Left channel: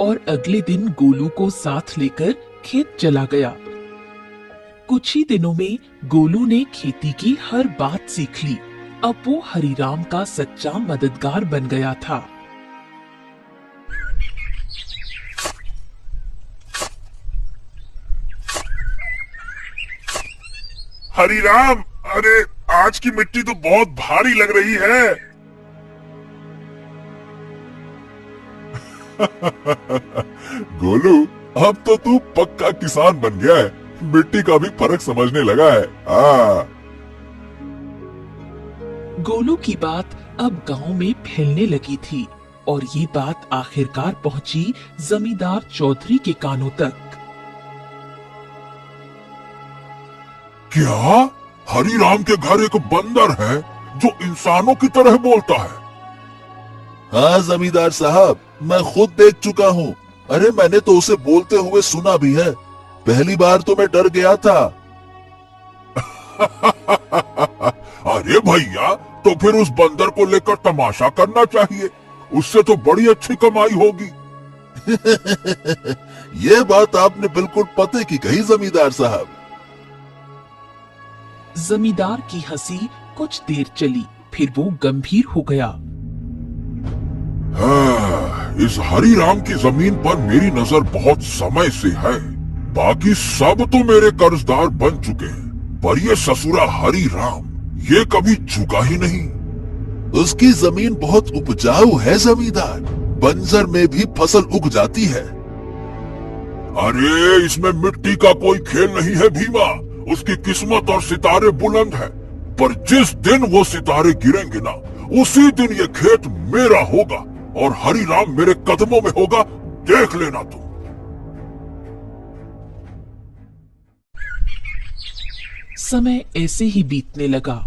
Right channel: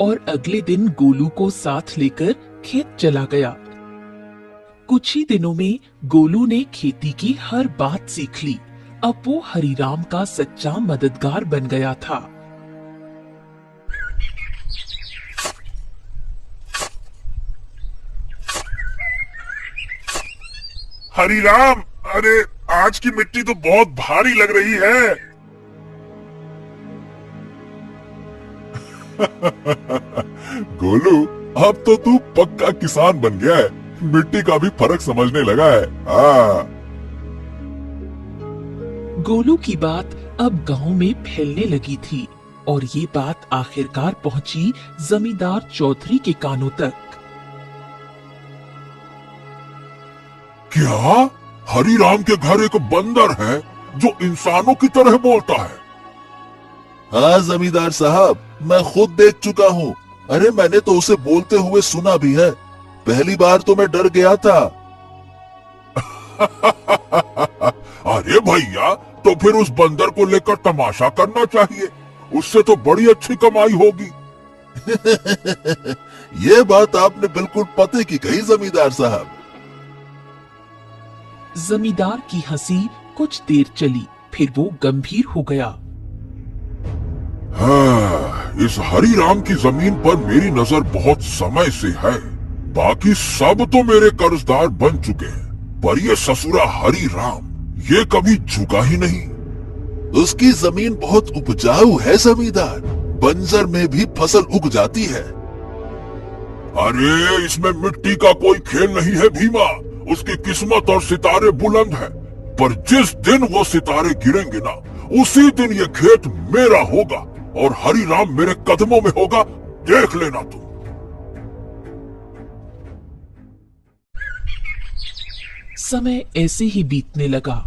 और अगले दिन गोलू को साथ लेकर खेत चला गया। कुछ ही दिनों में गोलू ने खेती की हर बात सीख ली। अब वो हरिराम का सच्चा मददगार बन गया था। हरिराम, अरे आज की मिट्टी तो बहुत भारी लग रही है। गोलू, अब तो तू पक्का किसान बन गया है। मिट्टी का भी फर्क समझने लगा है। गोलू की बात अब गांव में फैलने लगी थी और ये बात आखिरकार पहुंची जमींदार चौधरी के कानों तक। क्या हरिराम के घर एक बंदर है जो इंसानों की तरह बोलता है? हाँ जमींदार साहब, मैं खुद देख चुका हूँ। अरे मैंने तो उसे बोलते हुए सुना भी है। पहली बार तो मैं डर गया था। अरे भैया, तो फिर उस बंदर को लेकर तमाशा करना चाहिए। उससे तो बड़ी अच्छी कमाई होगी। ये बात आपने बिल्कुल पते की कही जमींदार साहब। जमींदार की हंसी कुछ देर चली, फिर वो गंभीर हो गया। इस हरिराम की जमीन पर मेरी नजर बहुत समय से है। बाकी सब तो मेरे कर्जदार बन चुके हैं, पर ये ससुरा हरिराम ये कभी झुका ही नहीं। उसकी जमीन बहुत उपजाऊ है जमींदार, बंजर में भी फसल उग जाती है। अरे इसमें मिट्टी का कोई खेल नहीं है भीमा। उसकी किस्मत और सितारे बुलंद है, पर जिस दिन वो सितारे गिरेंगे ना, उसी दिन ये खेत मेरा होगा और हरिराम मेरे कदमों में होगा। देख लेना तुम। समय ऐसे ही बीतने लगा।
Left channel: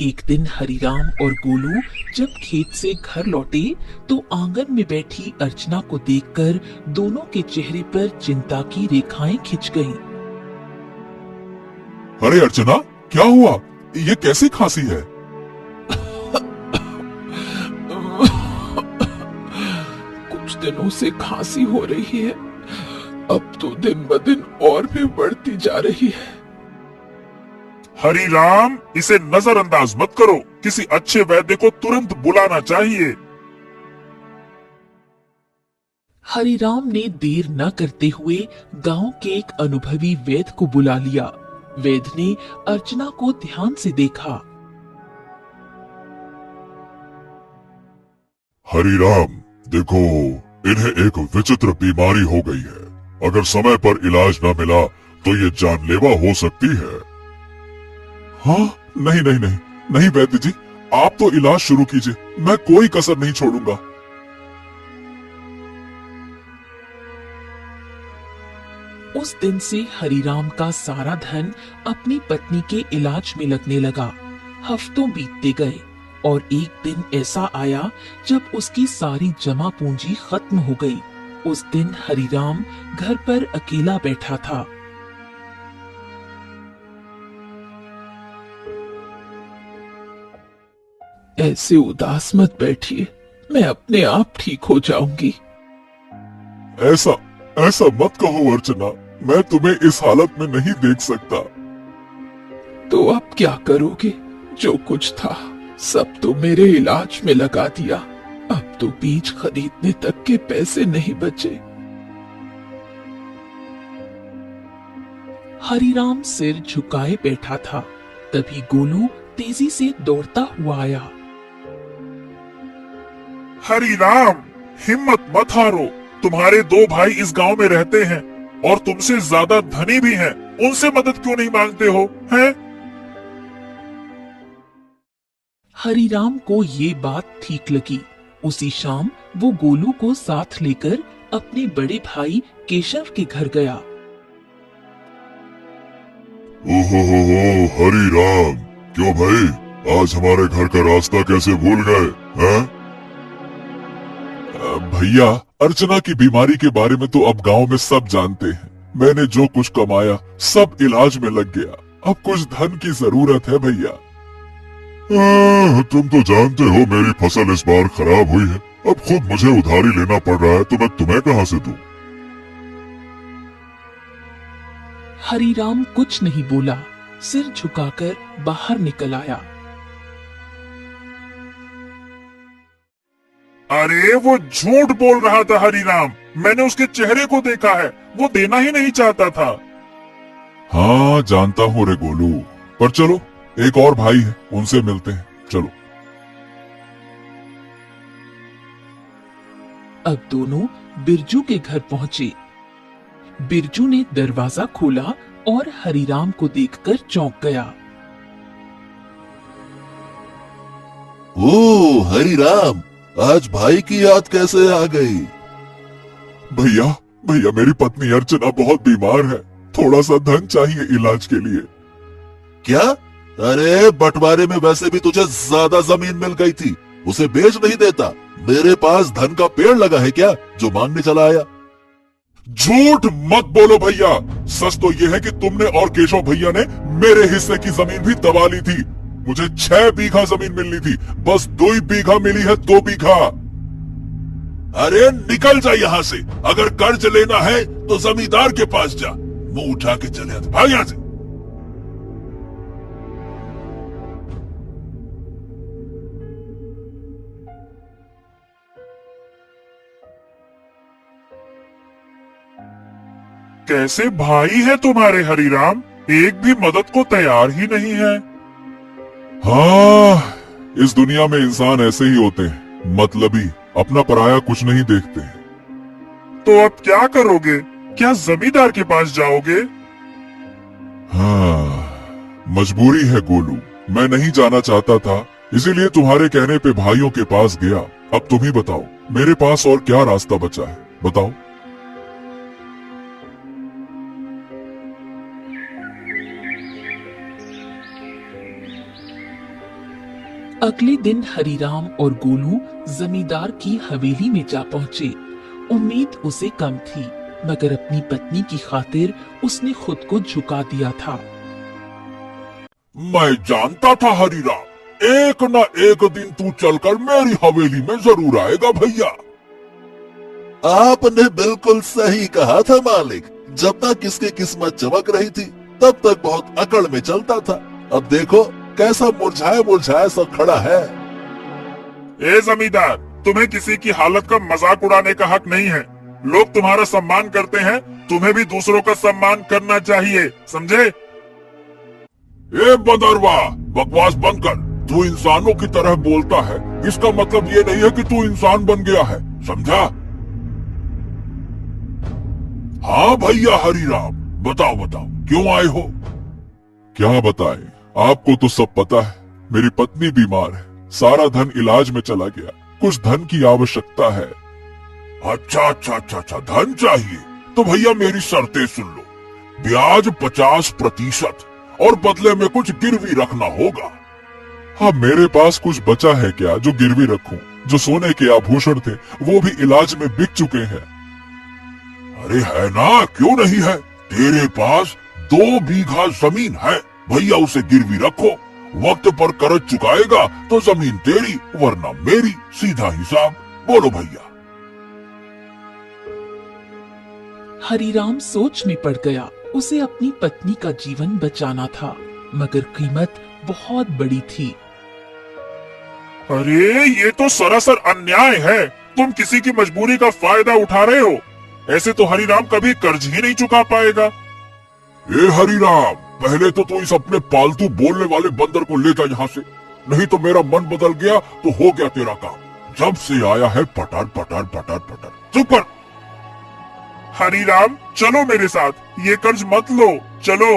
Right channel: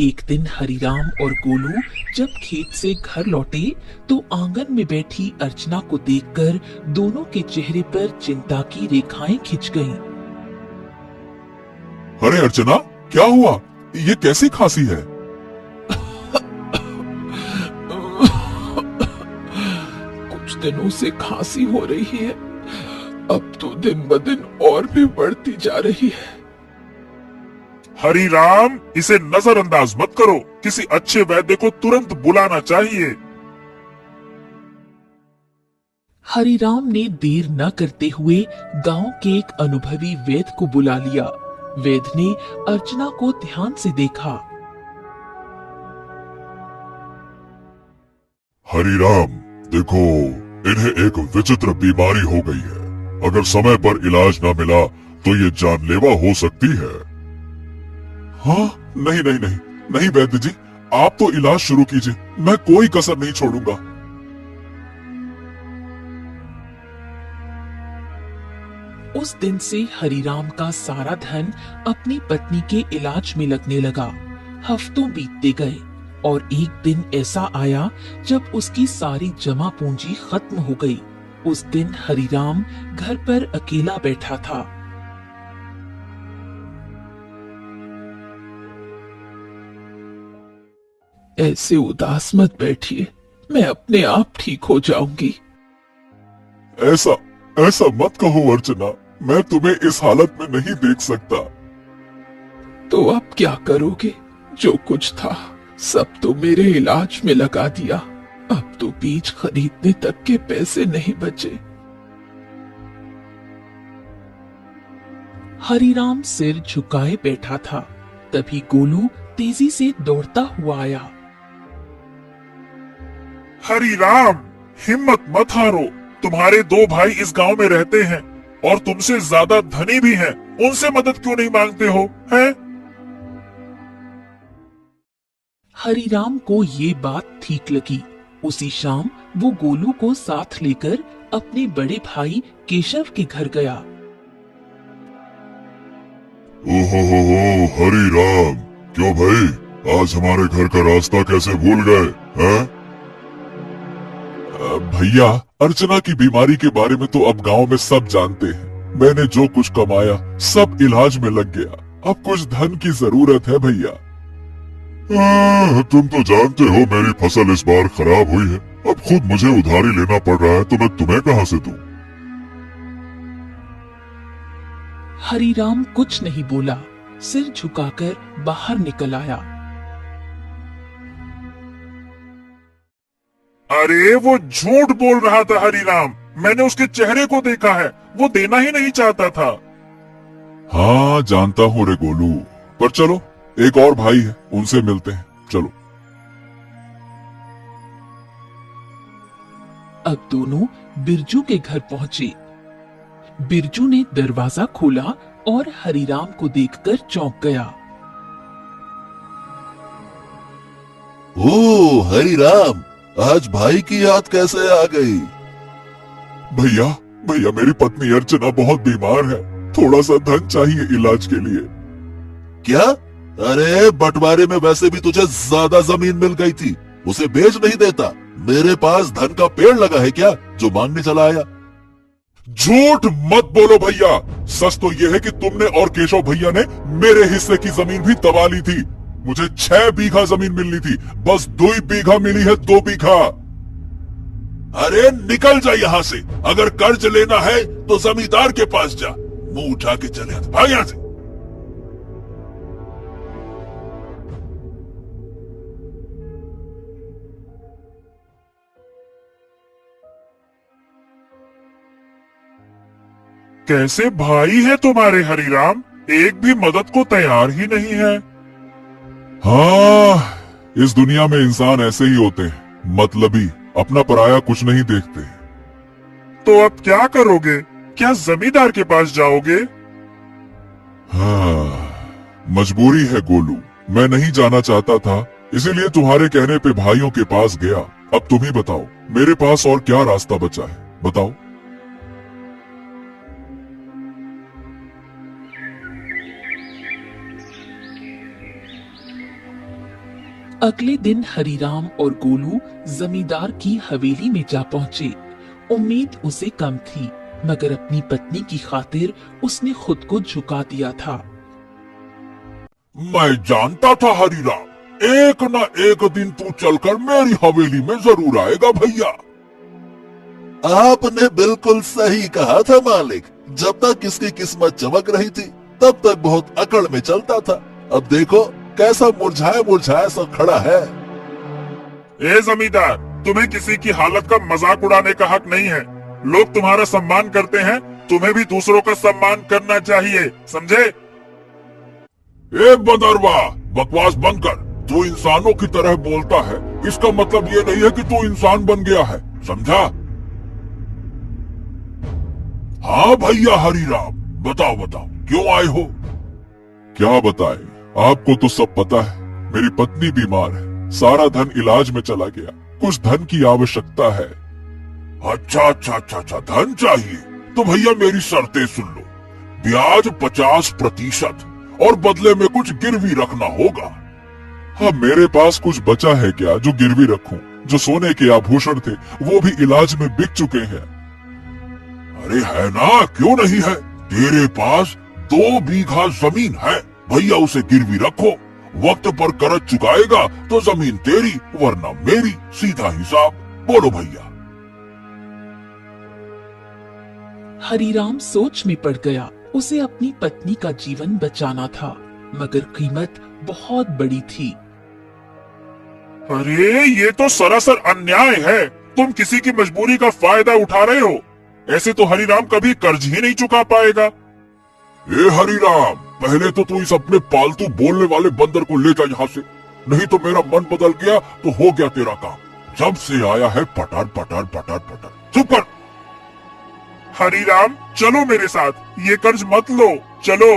एक दिन हरिराम और गोलू जब खेत से घर लौटे तो आंगन में बैठी अर्चना को देखकर दोनों के चेहरे पर चिंता की रेखाएं खिंच गईं। अरे अर्चना, क्या हुआ? ये कैसी खांसी है? कुछ दिनों से खांसी हो रही है। अब तो दिन ब दिन और भी बढ़ती जा रही है। हरिराम, इसे नजरअंदाज मत करो। किसी अच्छे वैद्य को तुरंत बुलाना चाहिए। हरिराम ने देर न करते हुए गांव के एक अनुभवी वैद्य को बुला लिया। वैद्य ने अर्चना को ध्यान से देखा। हरिराम, देखो, इन्हें एक विचित्र बीमारी हो गई है। अगर समय पर इलाज न मिला तो ये जानलेवा हो सकती है। हाँ, नहीं नहीं नहीं नहीं वैद्य जी, आप तो इलाज शुरू कीजिए। मैं कोई कसर नहीं छोड़ूंगा। उस दिन से हरिराम का सारा धन अपनी पत्नी के इलाज में लगने लगा। हफ्तों बीतते गए और एक दिन ऐसा आया जब उसकी सारी जमा पूंजी खत्म हो गई। उस दिन हरिराम घर पर अकेला बैठा था। ऐसे उदास मत बैठिए, मैं अपने आप ठीक हो जाऊंगी। ऐसा ऐसा मत कहो अर्चना, मैं तुम्हें इस हालत में नहीं देख सकता। तो अब क्या करोगे? जो कुछ था सब तो मेरे इलाज में लगा दिया। अब तो बीज खरीदने तक के पैसे नहीं बचे। हरिराम सिर झुकाए बैठा था। तभी गोलू तेजी से दौड़ता हुआ आया। हरिराम, हिम्मत मत हारो। तुम्हारे दो भाई इस गांव में रहते हैं और तुमसे ज्यादा धनी भी हैं। उनसे मदद क्यों नहीं मांगते हो, हैं? हरिराम को ये बात ठीक लगी। उसी शाम वो गोलू को साथ लेकर अपने बड़े भाई केशव के घर गया। ओहो हरिराम, क्यों भाई, आज हमारे घर का रास्ता कैसे भूल गए, हैं? भैया, अर्चना की बीमारी के बारे में तो अब गांव में सब जानते हैं। मैंने जो कुछ कमाया सब इलाज में लग गया। अब कुछ धन की जरूरत है भैया। तुम तो जानते हो मेरी फसल इस बार खराब हुई है। अब खुद मुझे उधारी लेना पड़ रहा है तो मैं तुम्हें कहां से दूं? हरीराम कुछ नहीं बोला, सिर झुकाकर बाहर निकल आया। अरे वो झूठ बोल रहा था हरीराम, मैंने उसके चेहरे को देखा है, वो देना ही नहीं चाहता था। हाँ जानता हूँ रे गोलू, पर चलो एक और भाई है, उनसे मिलते हैं, चलो। अब दोनों बिरजू के घर पहुंचे। बिरजू ने दरवाजा खोला और हरीराम को देखकर चौंक गया। ओ हरिराम, आज भाई की याद कैसे आ गई? भैया भैया मेरी पत्नी अर्चना बहुत बीमार है, थोड़ा सा धन चाहिए इलाज के लिए। क्या? अरे बंटवारे में वैसे भी तुझे ज्यादा जमीन मिल गई थी, उसे बेच नहीं देता? मेरे पास धन का पेड़ लगा है क्या जो मांगने चला आया? झूठ मत बोलो भैया, सच तो यह है कि तुमने और केशव भैया ने मेरे हिस्से की जमीन भी दबा ली थी। मुझे 6 बीघा जमीन मिलनी थी, बस 2 बीघा मिली है, 2 बीघा। अरे निकल जा यहाँ से, अगर कर्ज लेना है तो जमींदार के पास जा, मुंह उठा के चले आते, भाग यहाँ से। कैसे भाई है तुम्हारे हरीराम, एक भी मदद को तैयार ही नहीं है। हाँ, इस दुनिया में इंसान ऐसे ही होते हैं, मतलबी, अपना पराया कुछ नहीं देखते। तो अब क्या करोगे? क्या जमींदार के पास जाओगे? हाँ, मजबूरी है गोलू, मैं नहीं जाना चाहता था, इसीलिए तुम्हारे कहने पे भाइयों के पास गया। अब तुम ही बताओ, मेरे पास और क्या रास्ता बचा है, बताओ। अगले दिन हरीराम और गोलू जमींदार की हवेली में जा पहुंचे। उम्मीद उसे कम थी, मगर अपनी पत्नी की खातिर उसने खुद को झुका दिया था। मैं जानता था हरीराम, एक न एक दिन तू चलकर मेरी हवेली में जरूर आएगा भैया। आपने बिल्कुल सही कहा था मालिक, जब तक इसकी किस्मत चमक रही थी तब तक बहुत अकड़ में चलता था, अब देखो कैसा मुरझाया मुरझाया सा खड़ा है। ए जमींदार, तुम्हें किसी की हालत का मजाक उड़ाने का हक नहीं है। लोग तुम्हारा सम्मान करते हैं, तुम्हें भी दूसरों का सम्मान करना चाहिए, समझे? ए बदरवा, बकवास बंद कर। तू इंसानों की तरह बोलता है, इसका मतलब ये नहीं है कि तू इंसान बन गया है, समझा? हाँ भैया हरीराम, बताओ बताओ क्यों आए हो? क्या बताए, आपको तो सब पता है, मेरी पत्नी बीमार है, सारा धन इलाज में चला गया, कुछ धन की आवश्यकता है। अच्छा अच्छा अच्छा अच्छा, धन चाहिए तो भैया मेरी शर्तें सुन लो। ब्याज 50% और बदले में कुछ गिरवी रखना होगा। हाँ, मेरे पास कुछ बचा है क्या जो गिरवी रखूं? जो सोने के आभूषण थे वो भी इलाज में बिक चुके हैं। अरे है ना, क्यों नहीं है? तेरे पास 2 बीघा जमीन है, भैया उसे गिरवी रखो, वक्त पर कर्ज चुकाएगा तो जमीन तेरी वरना मेरी, सीधा हिसाब। बोलो भैया। हरीराम सोच में पड़ गया, उसे अपनी पत्नी का जीवन बचाना था, मगर कीमत बहुत बड़ी थी। अरे ये तो सरासर अन्याय है, तुम किसी की मजबूरी का फायदा उठा रहे हो। ऐसे तो हरीराम कभी कर्ज ही नहीं चुका पाएगा। ए हरीराम, पहले तो तू इस अपने पालतू बोलने वाले बंदर को ले जा यहाँ से, नहीं तो मेरा मन बदल गया तो हो गया तेरा काम। जब से आया है पटार पटार पटार पटार। चुप कर। हरीराम चलो मेरे साथ, ये कर्ज मत लो, चलो।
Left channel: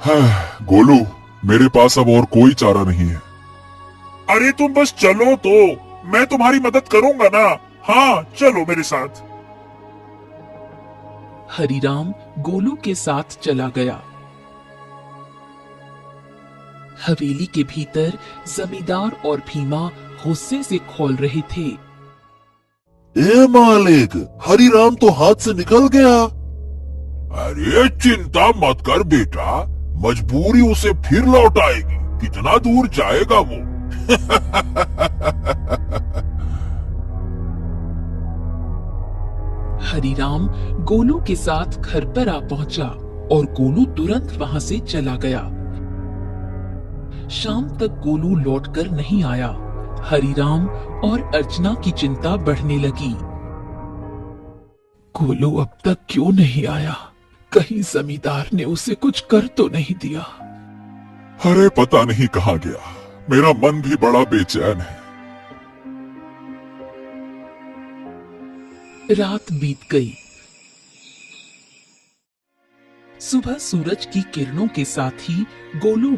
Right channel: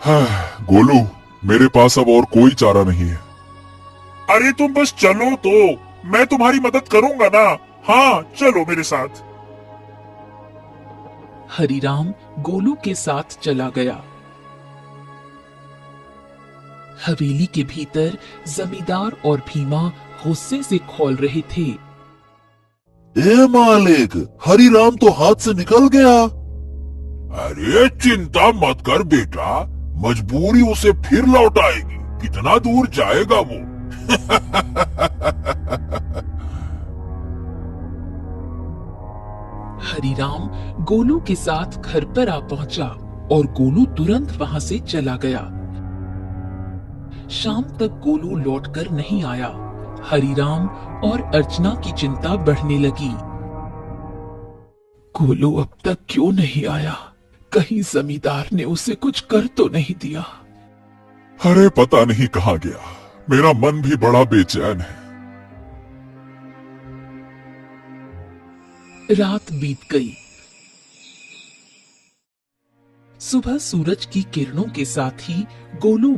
हाँ, गोलू मेरे पास अब और कोई चारा नहीं है। अरे तुम बस चलो तो, मैं तुम्हारी मदद करूंगा ना। हाँ चलो मेरे साथ। हरीराम गोलू के साथ चला गया। हवेली के भीतर जमींदार और भीमा गुस्से से खौल रहे थे। ए मालिक, हरीराम तो हाथ से निकल गया। अरे चिंता मत कर बेटा, मजबूरी उसे फिर लौट आएगी। कितना दूर जाएगा वो? हरिराम गोलू के साथ घर पर आ पहुंचा और गोलू तुरंत वहां से चला गया। शाम तक गोलू लौटकर नहीं आया। हरिराम और अर्चना की चिंता बढ़ने लगी। गोलू अब तक क्यों नहीं आया? कहीं जमींदार ने उसे कुछ कर तो नहीं दिया? अरे पता नहीं कहाँ गया, मेरा मन भी बड़ा बेचैन है। रात बीत गई। सुबह सूरज की किरणों के साथ ही गोलू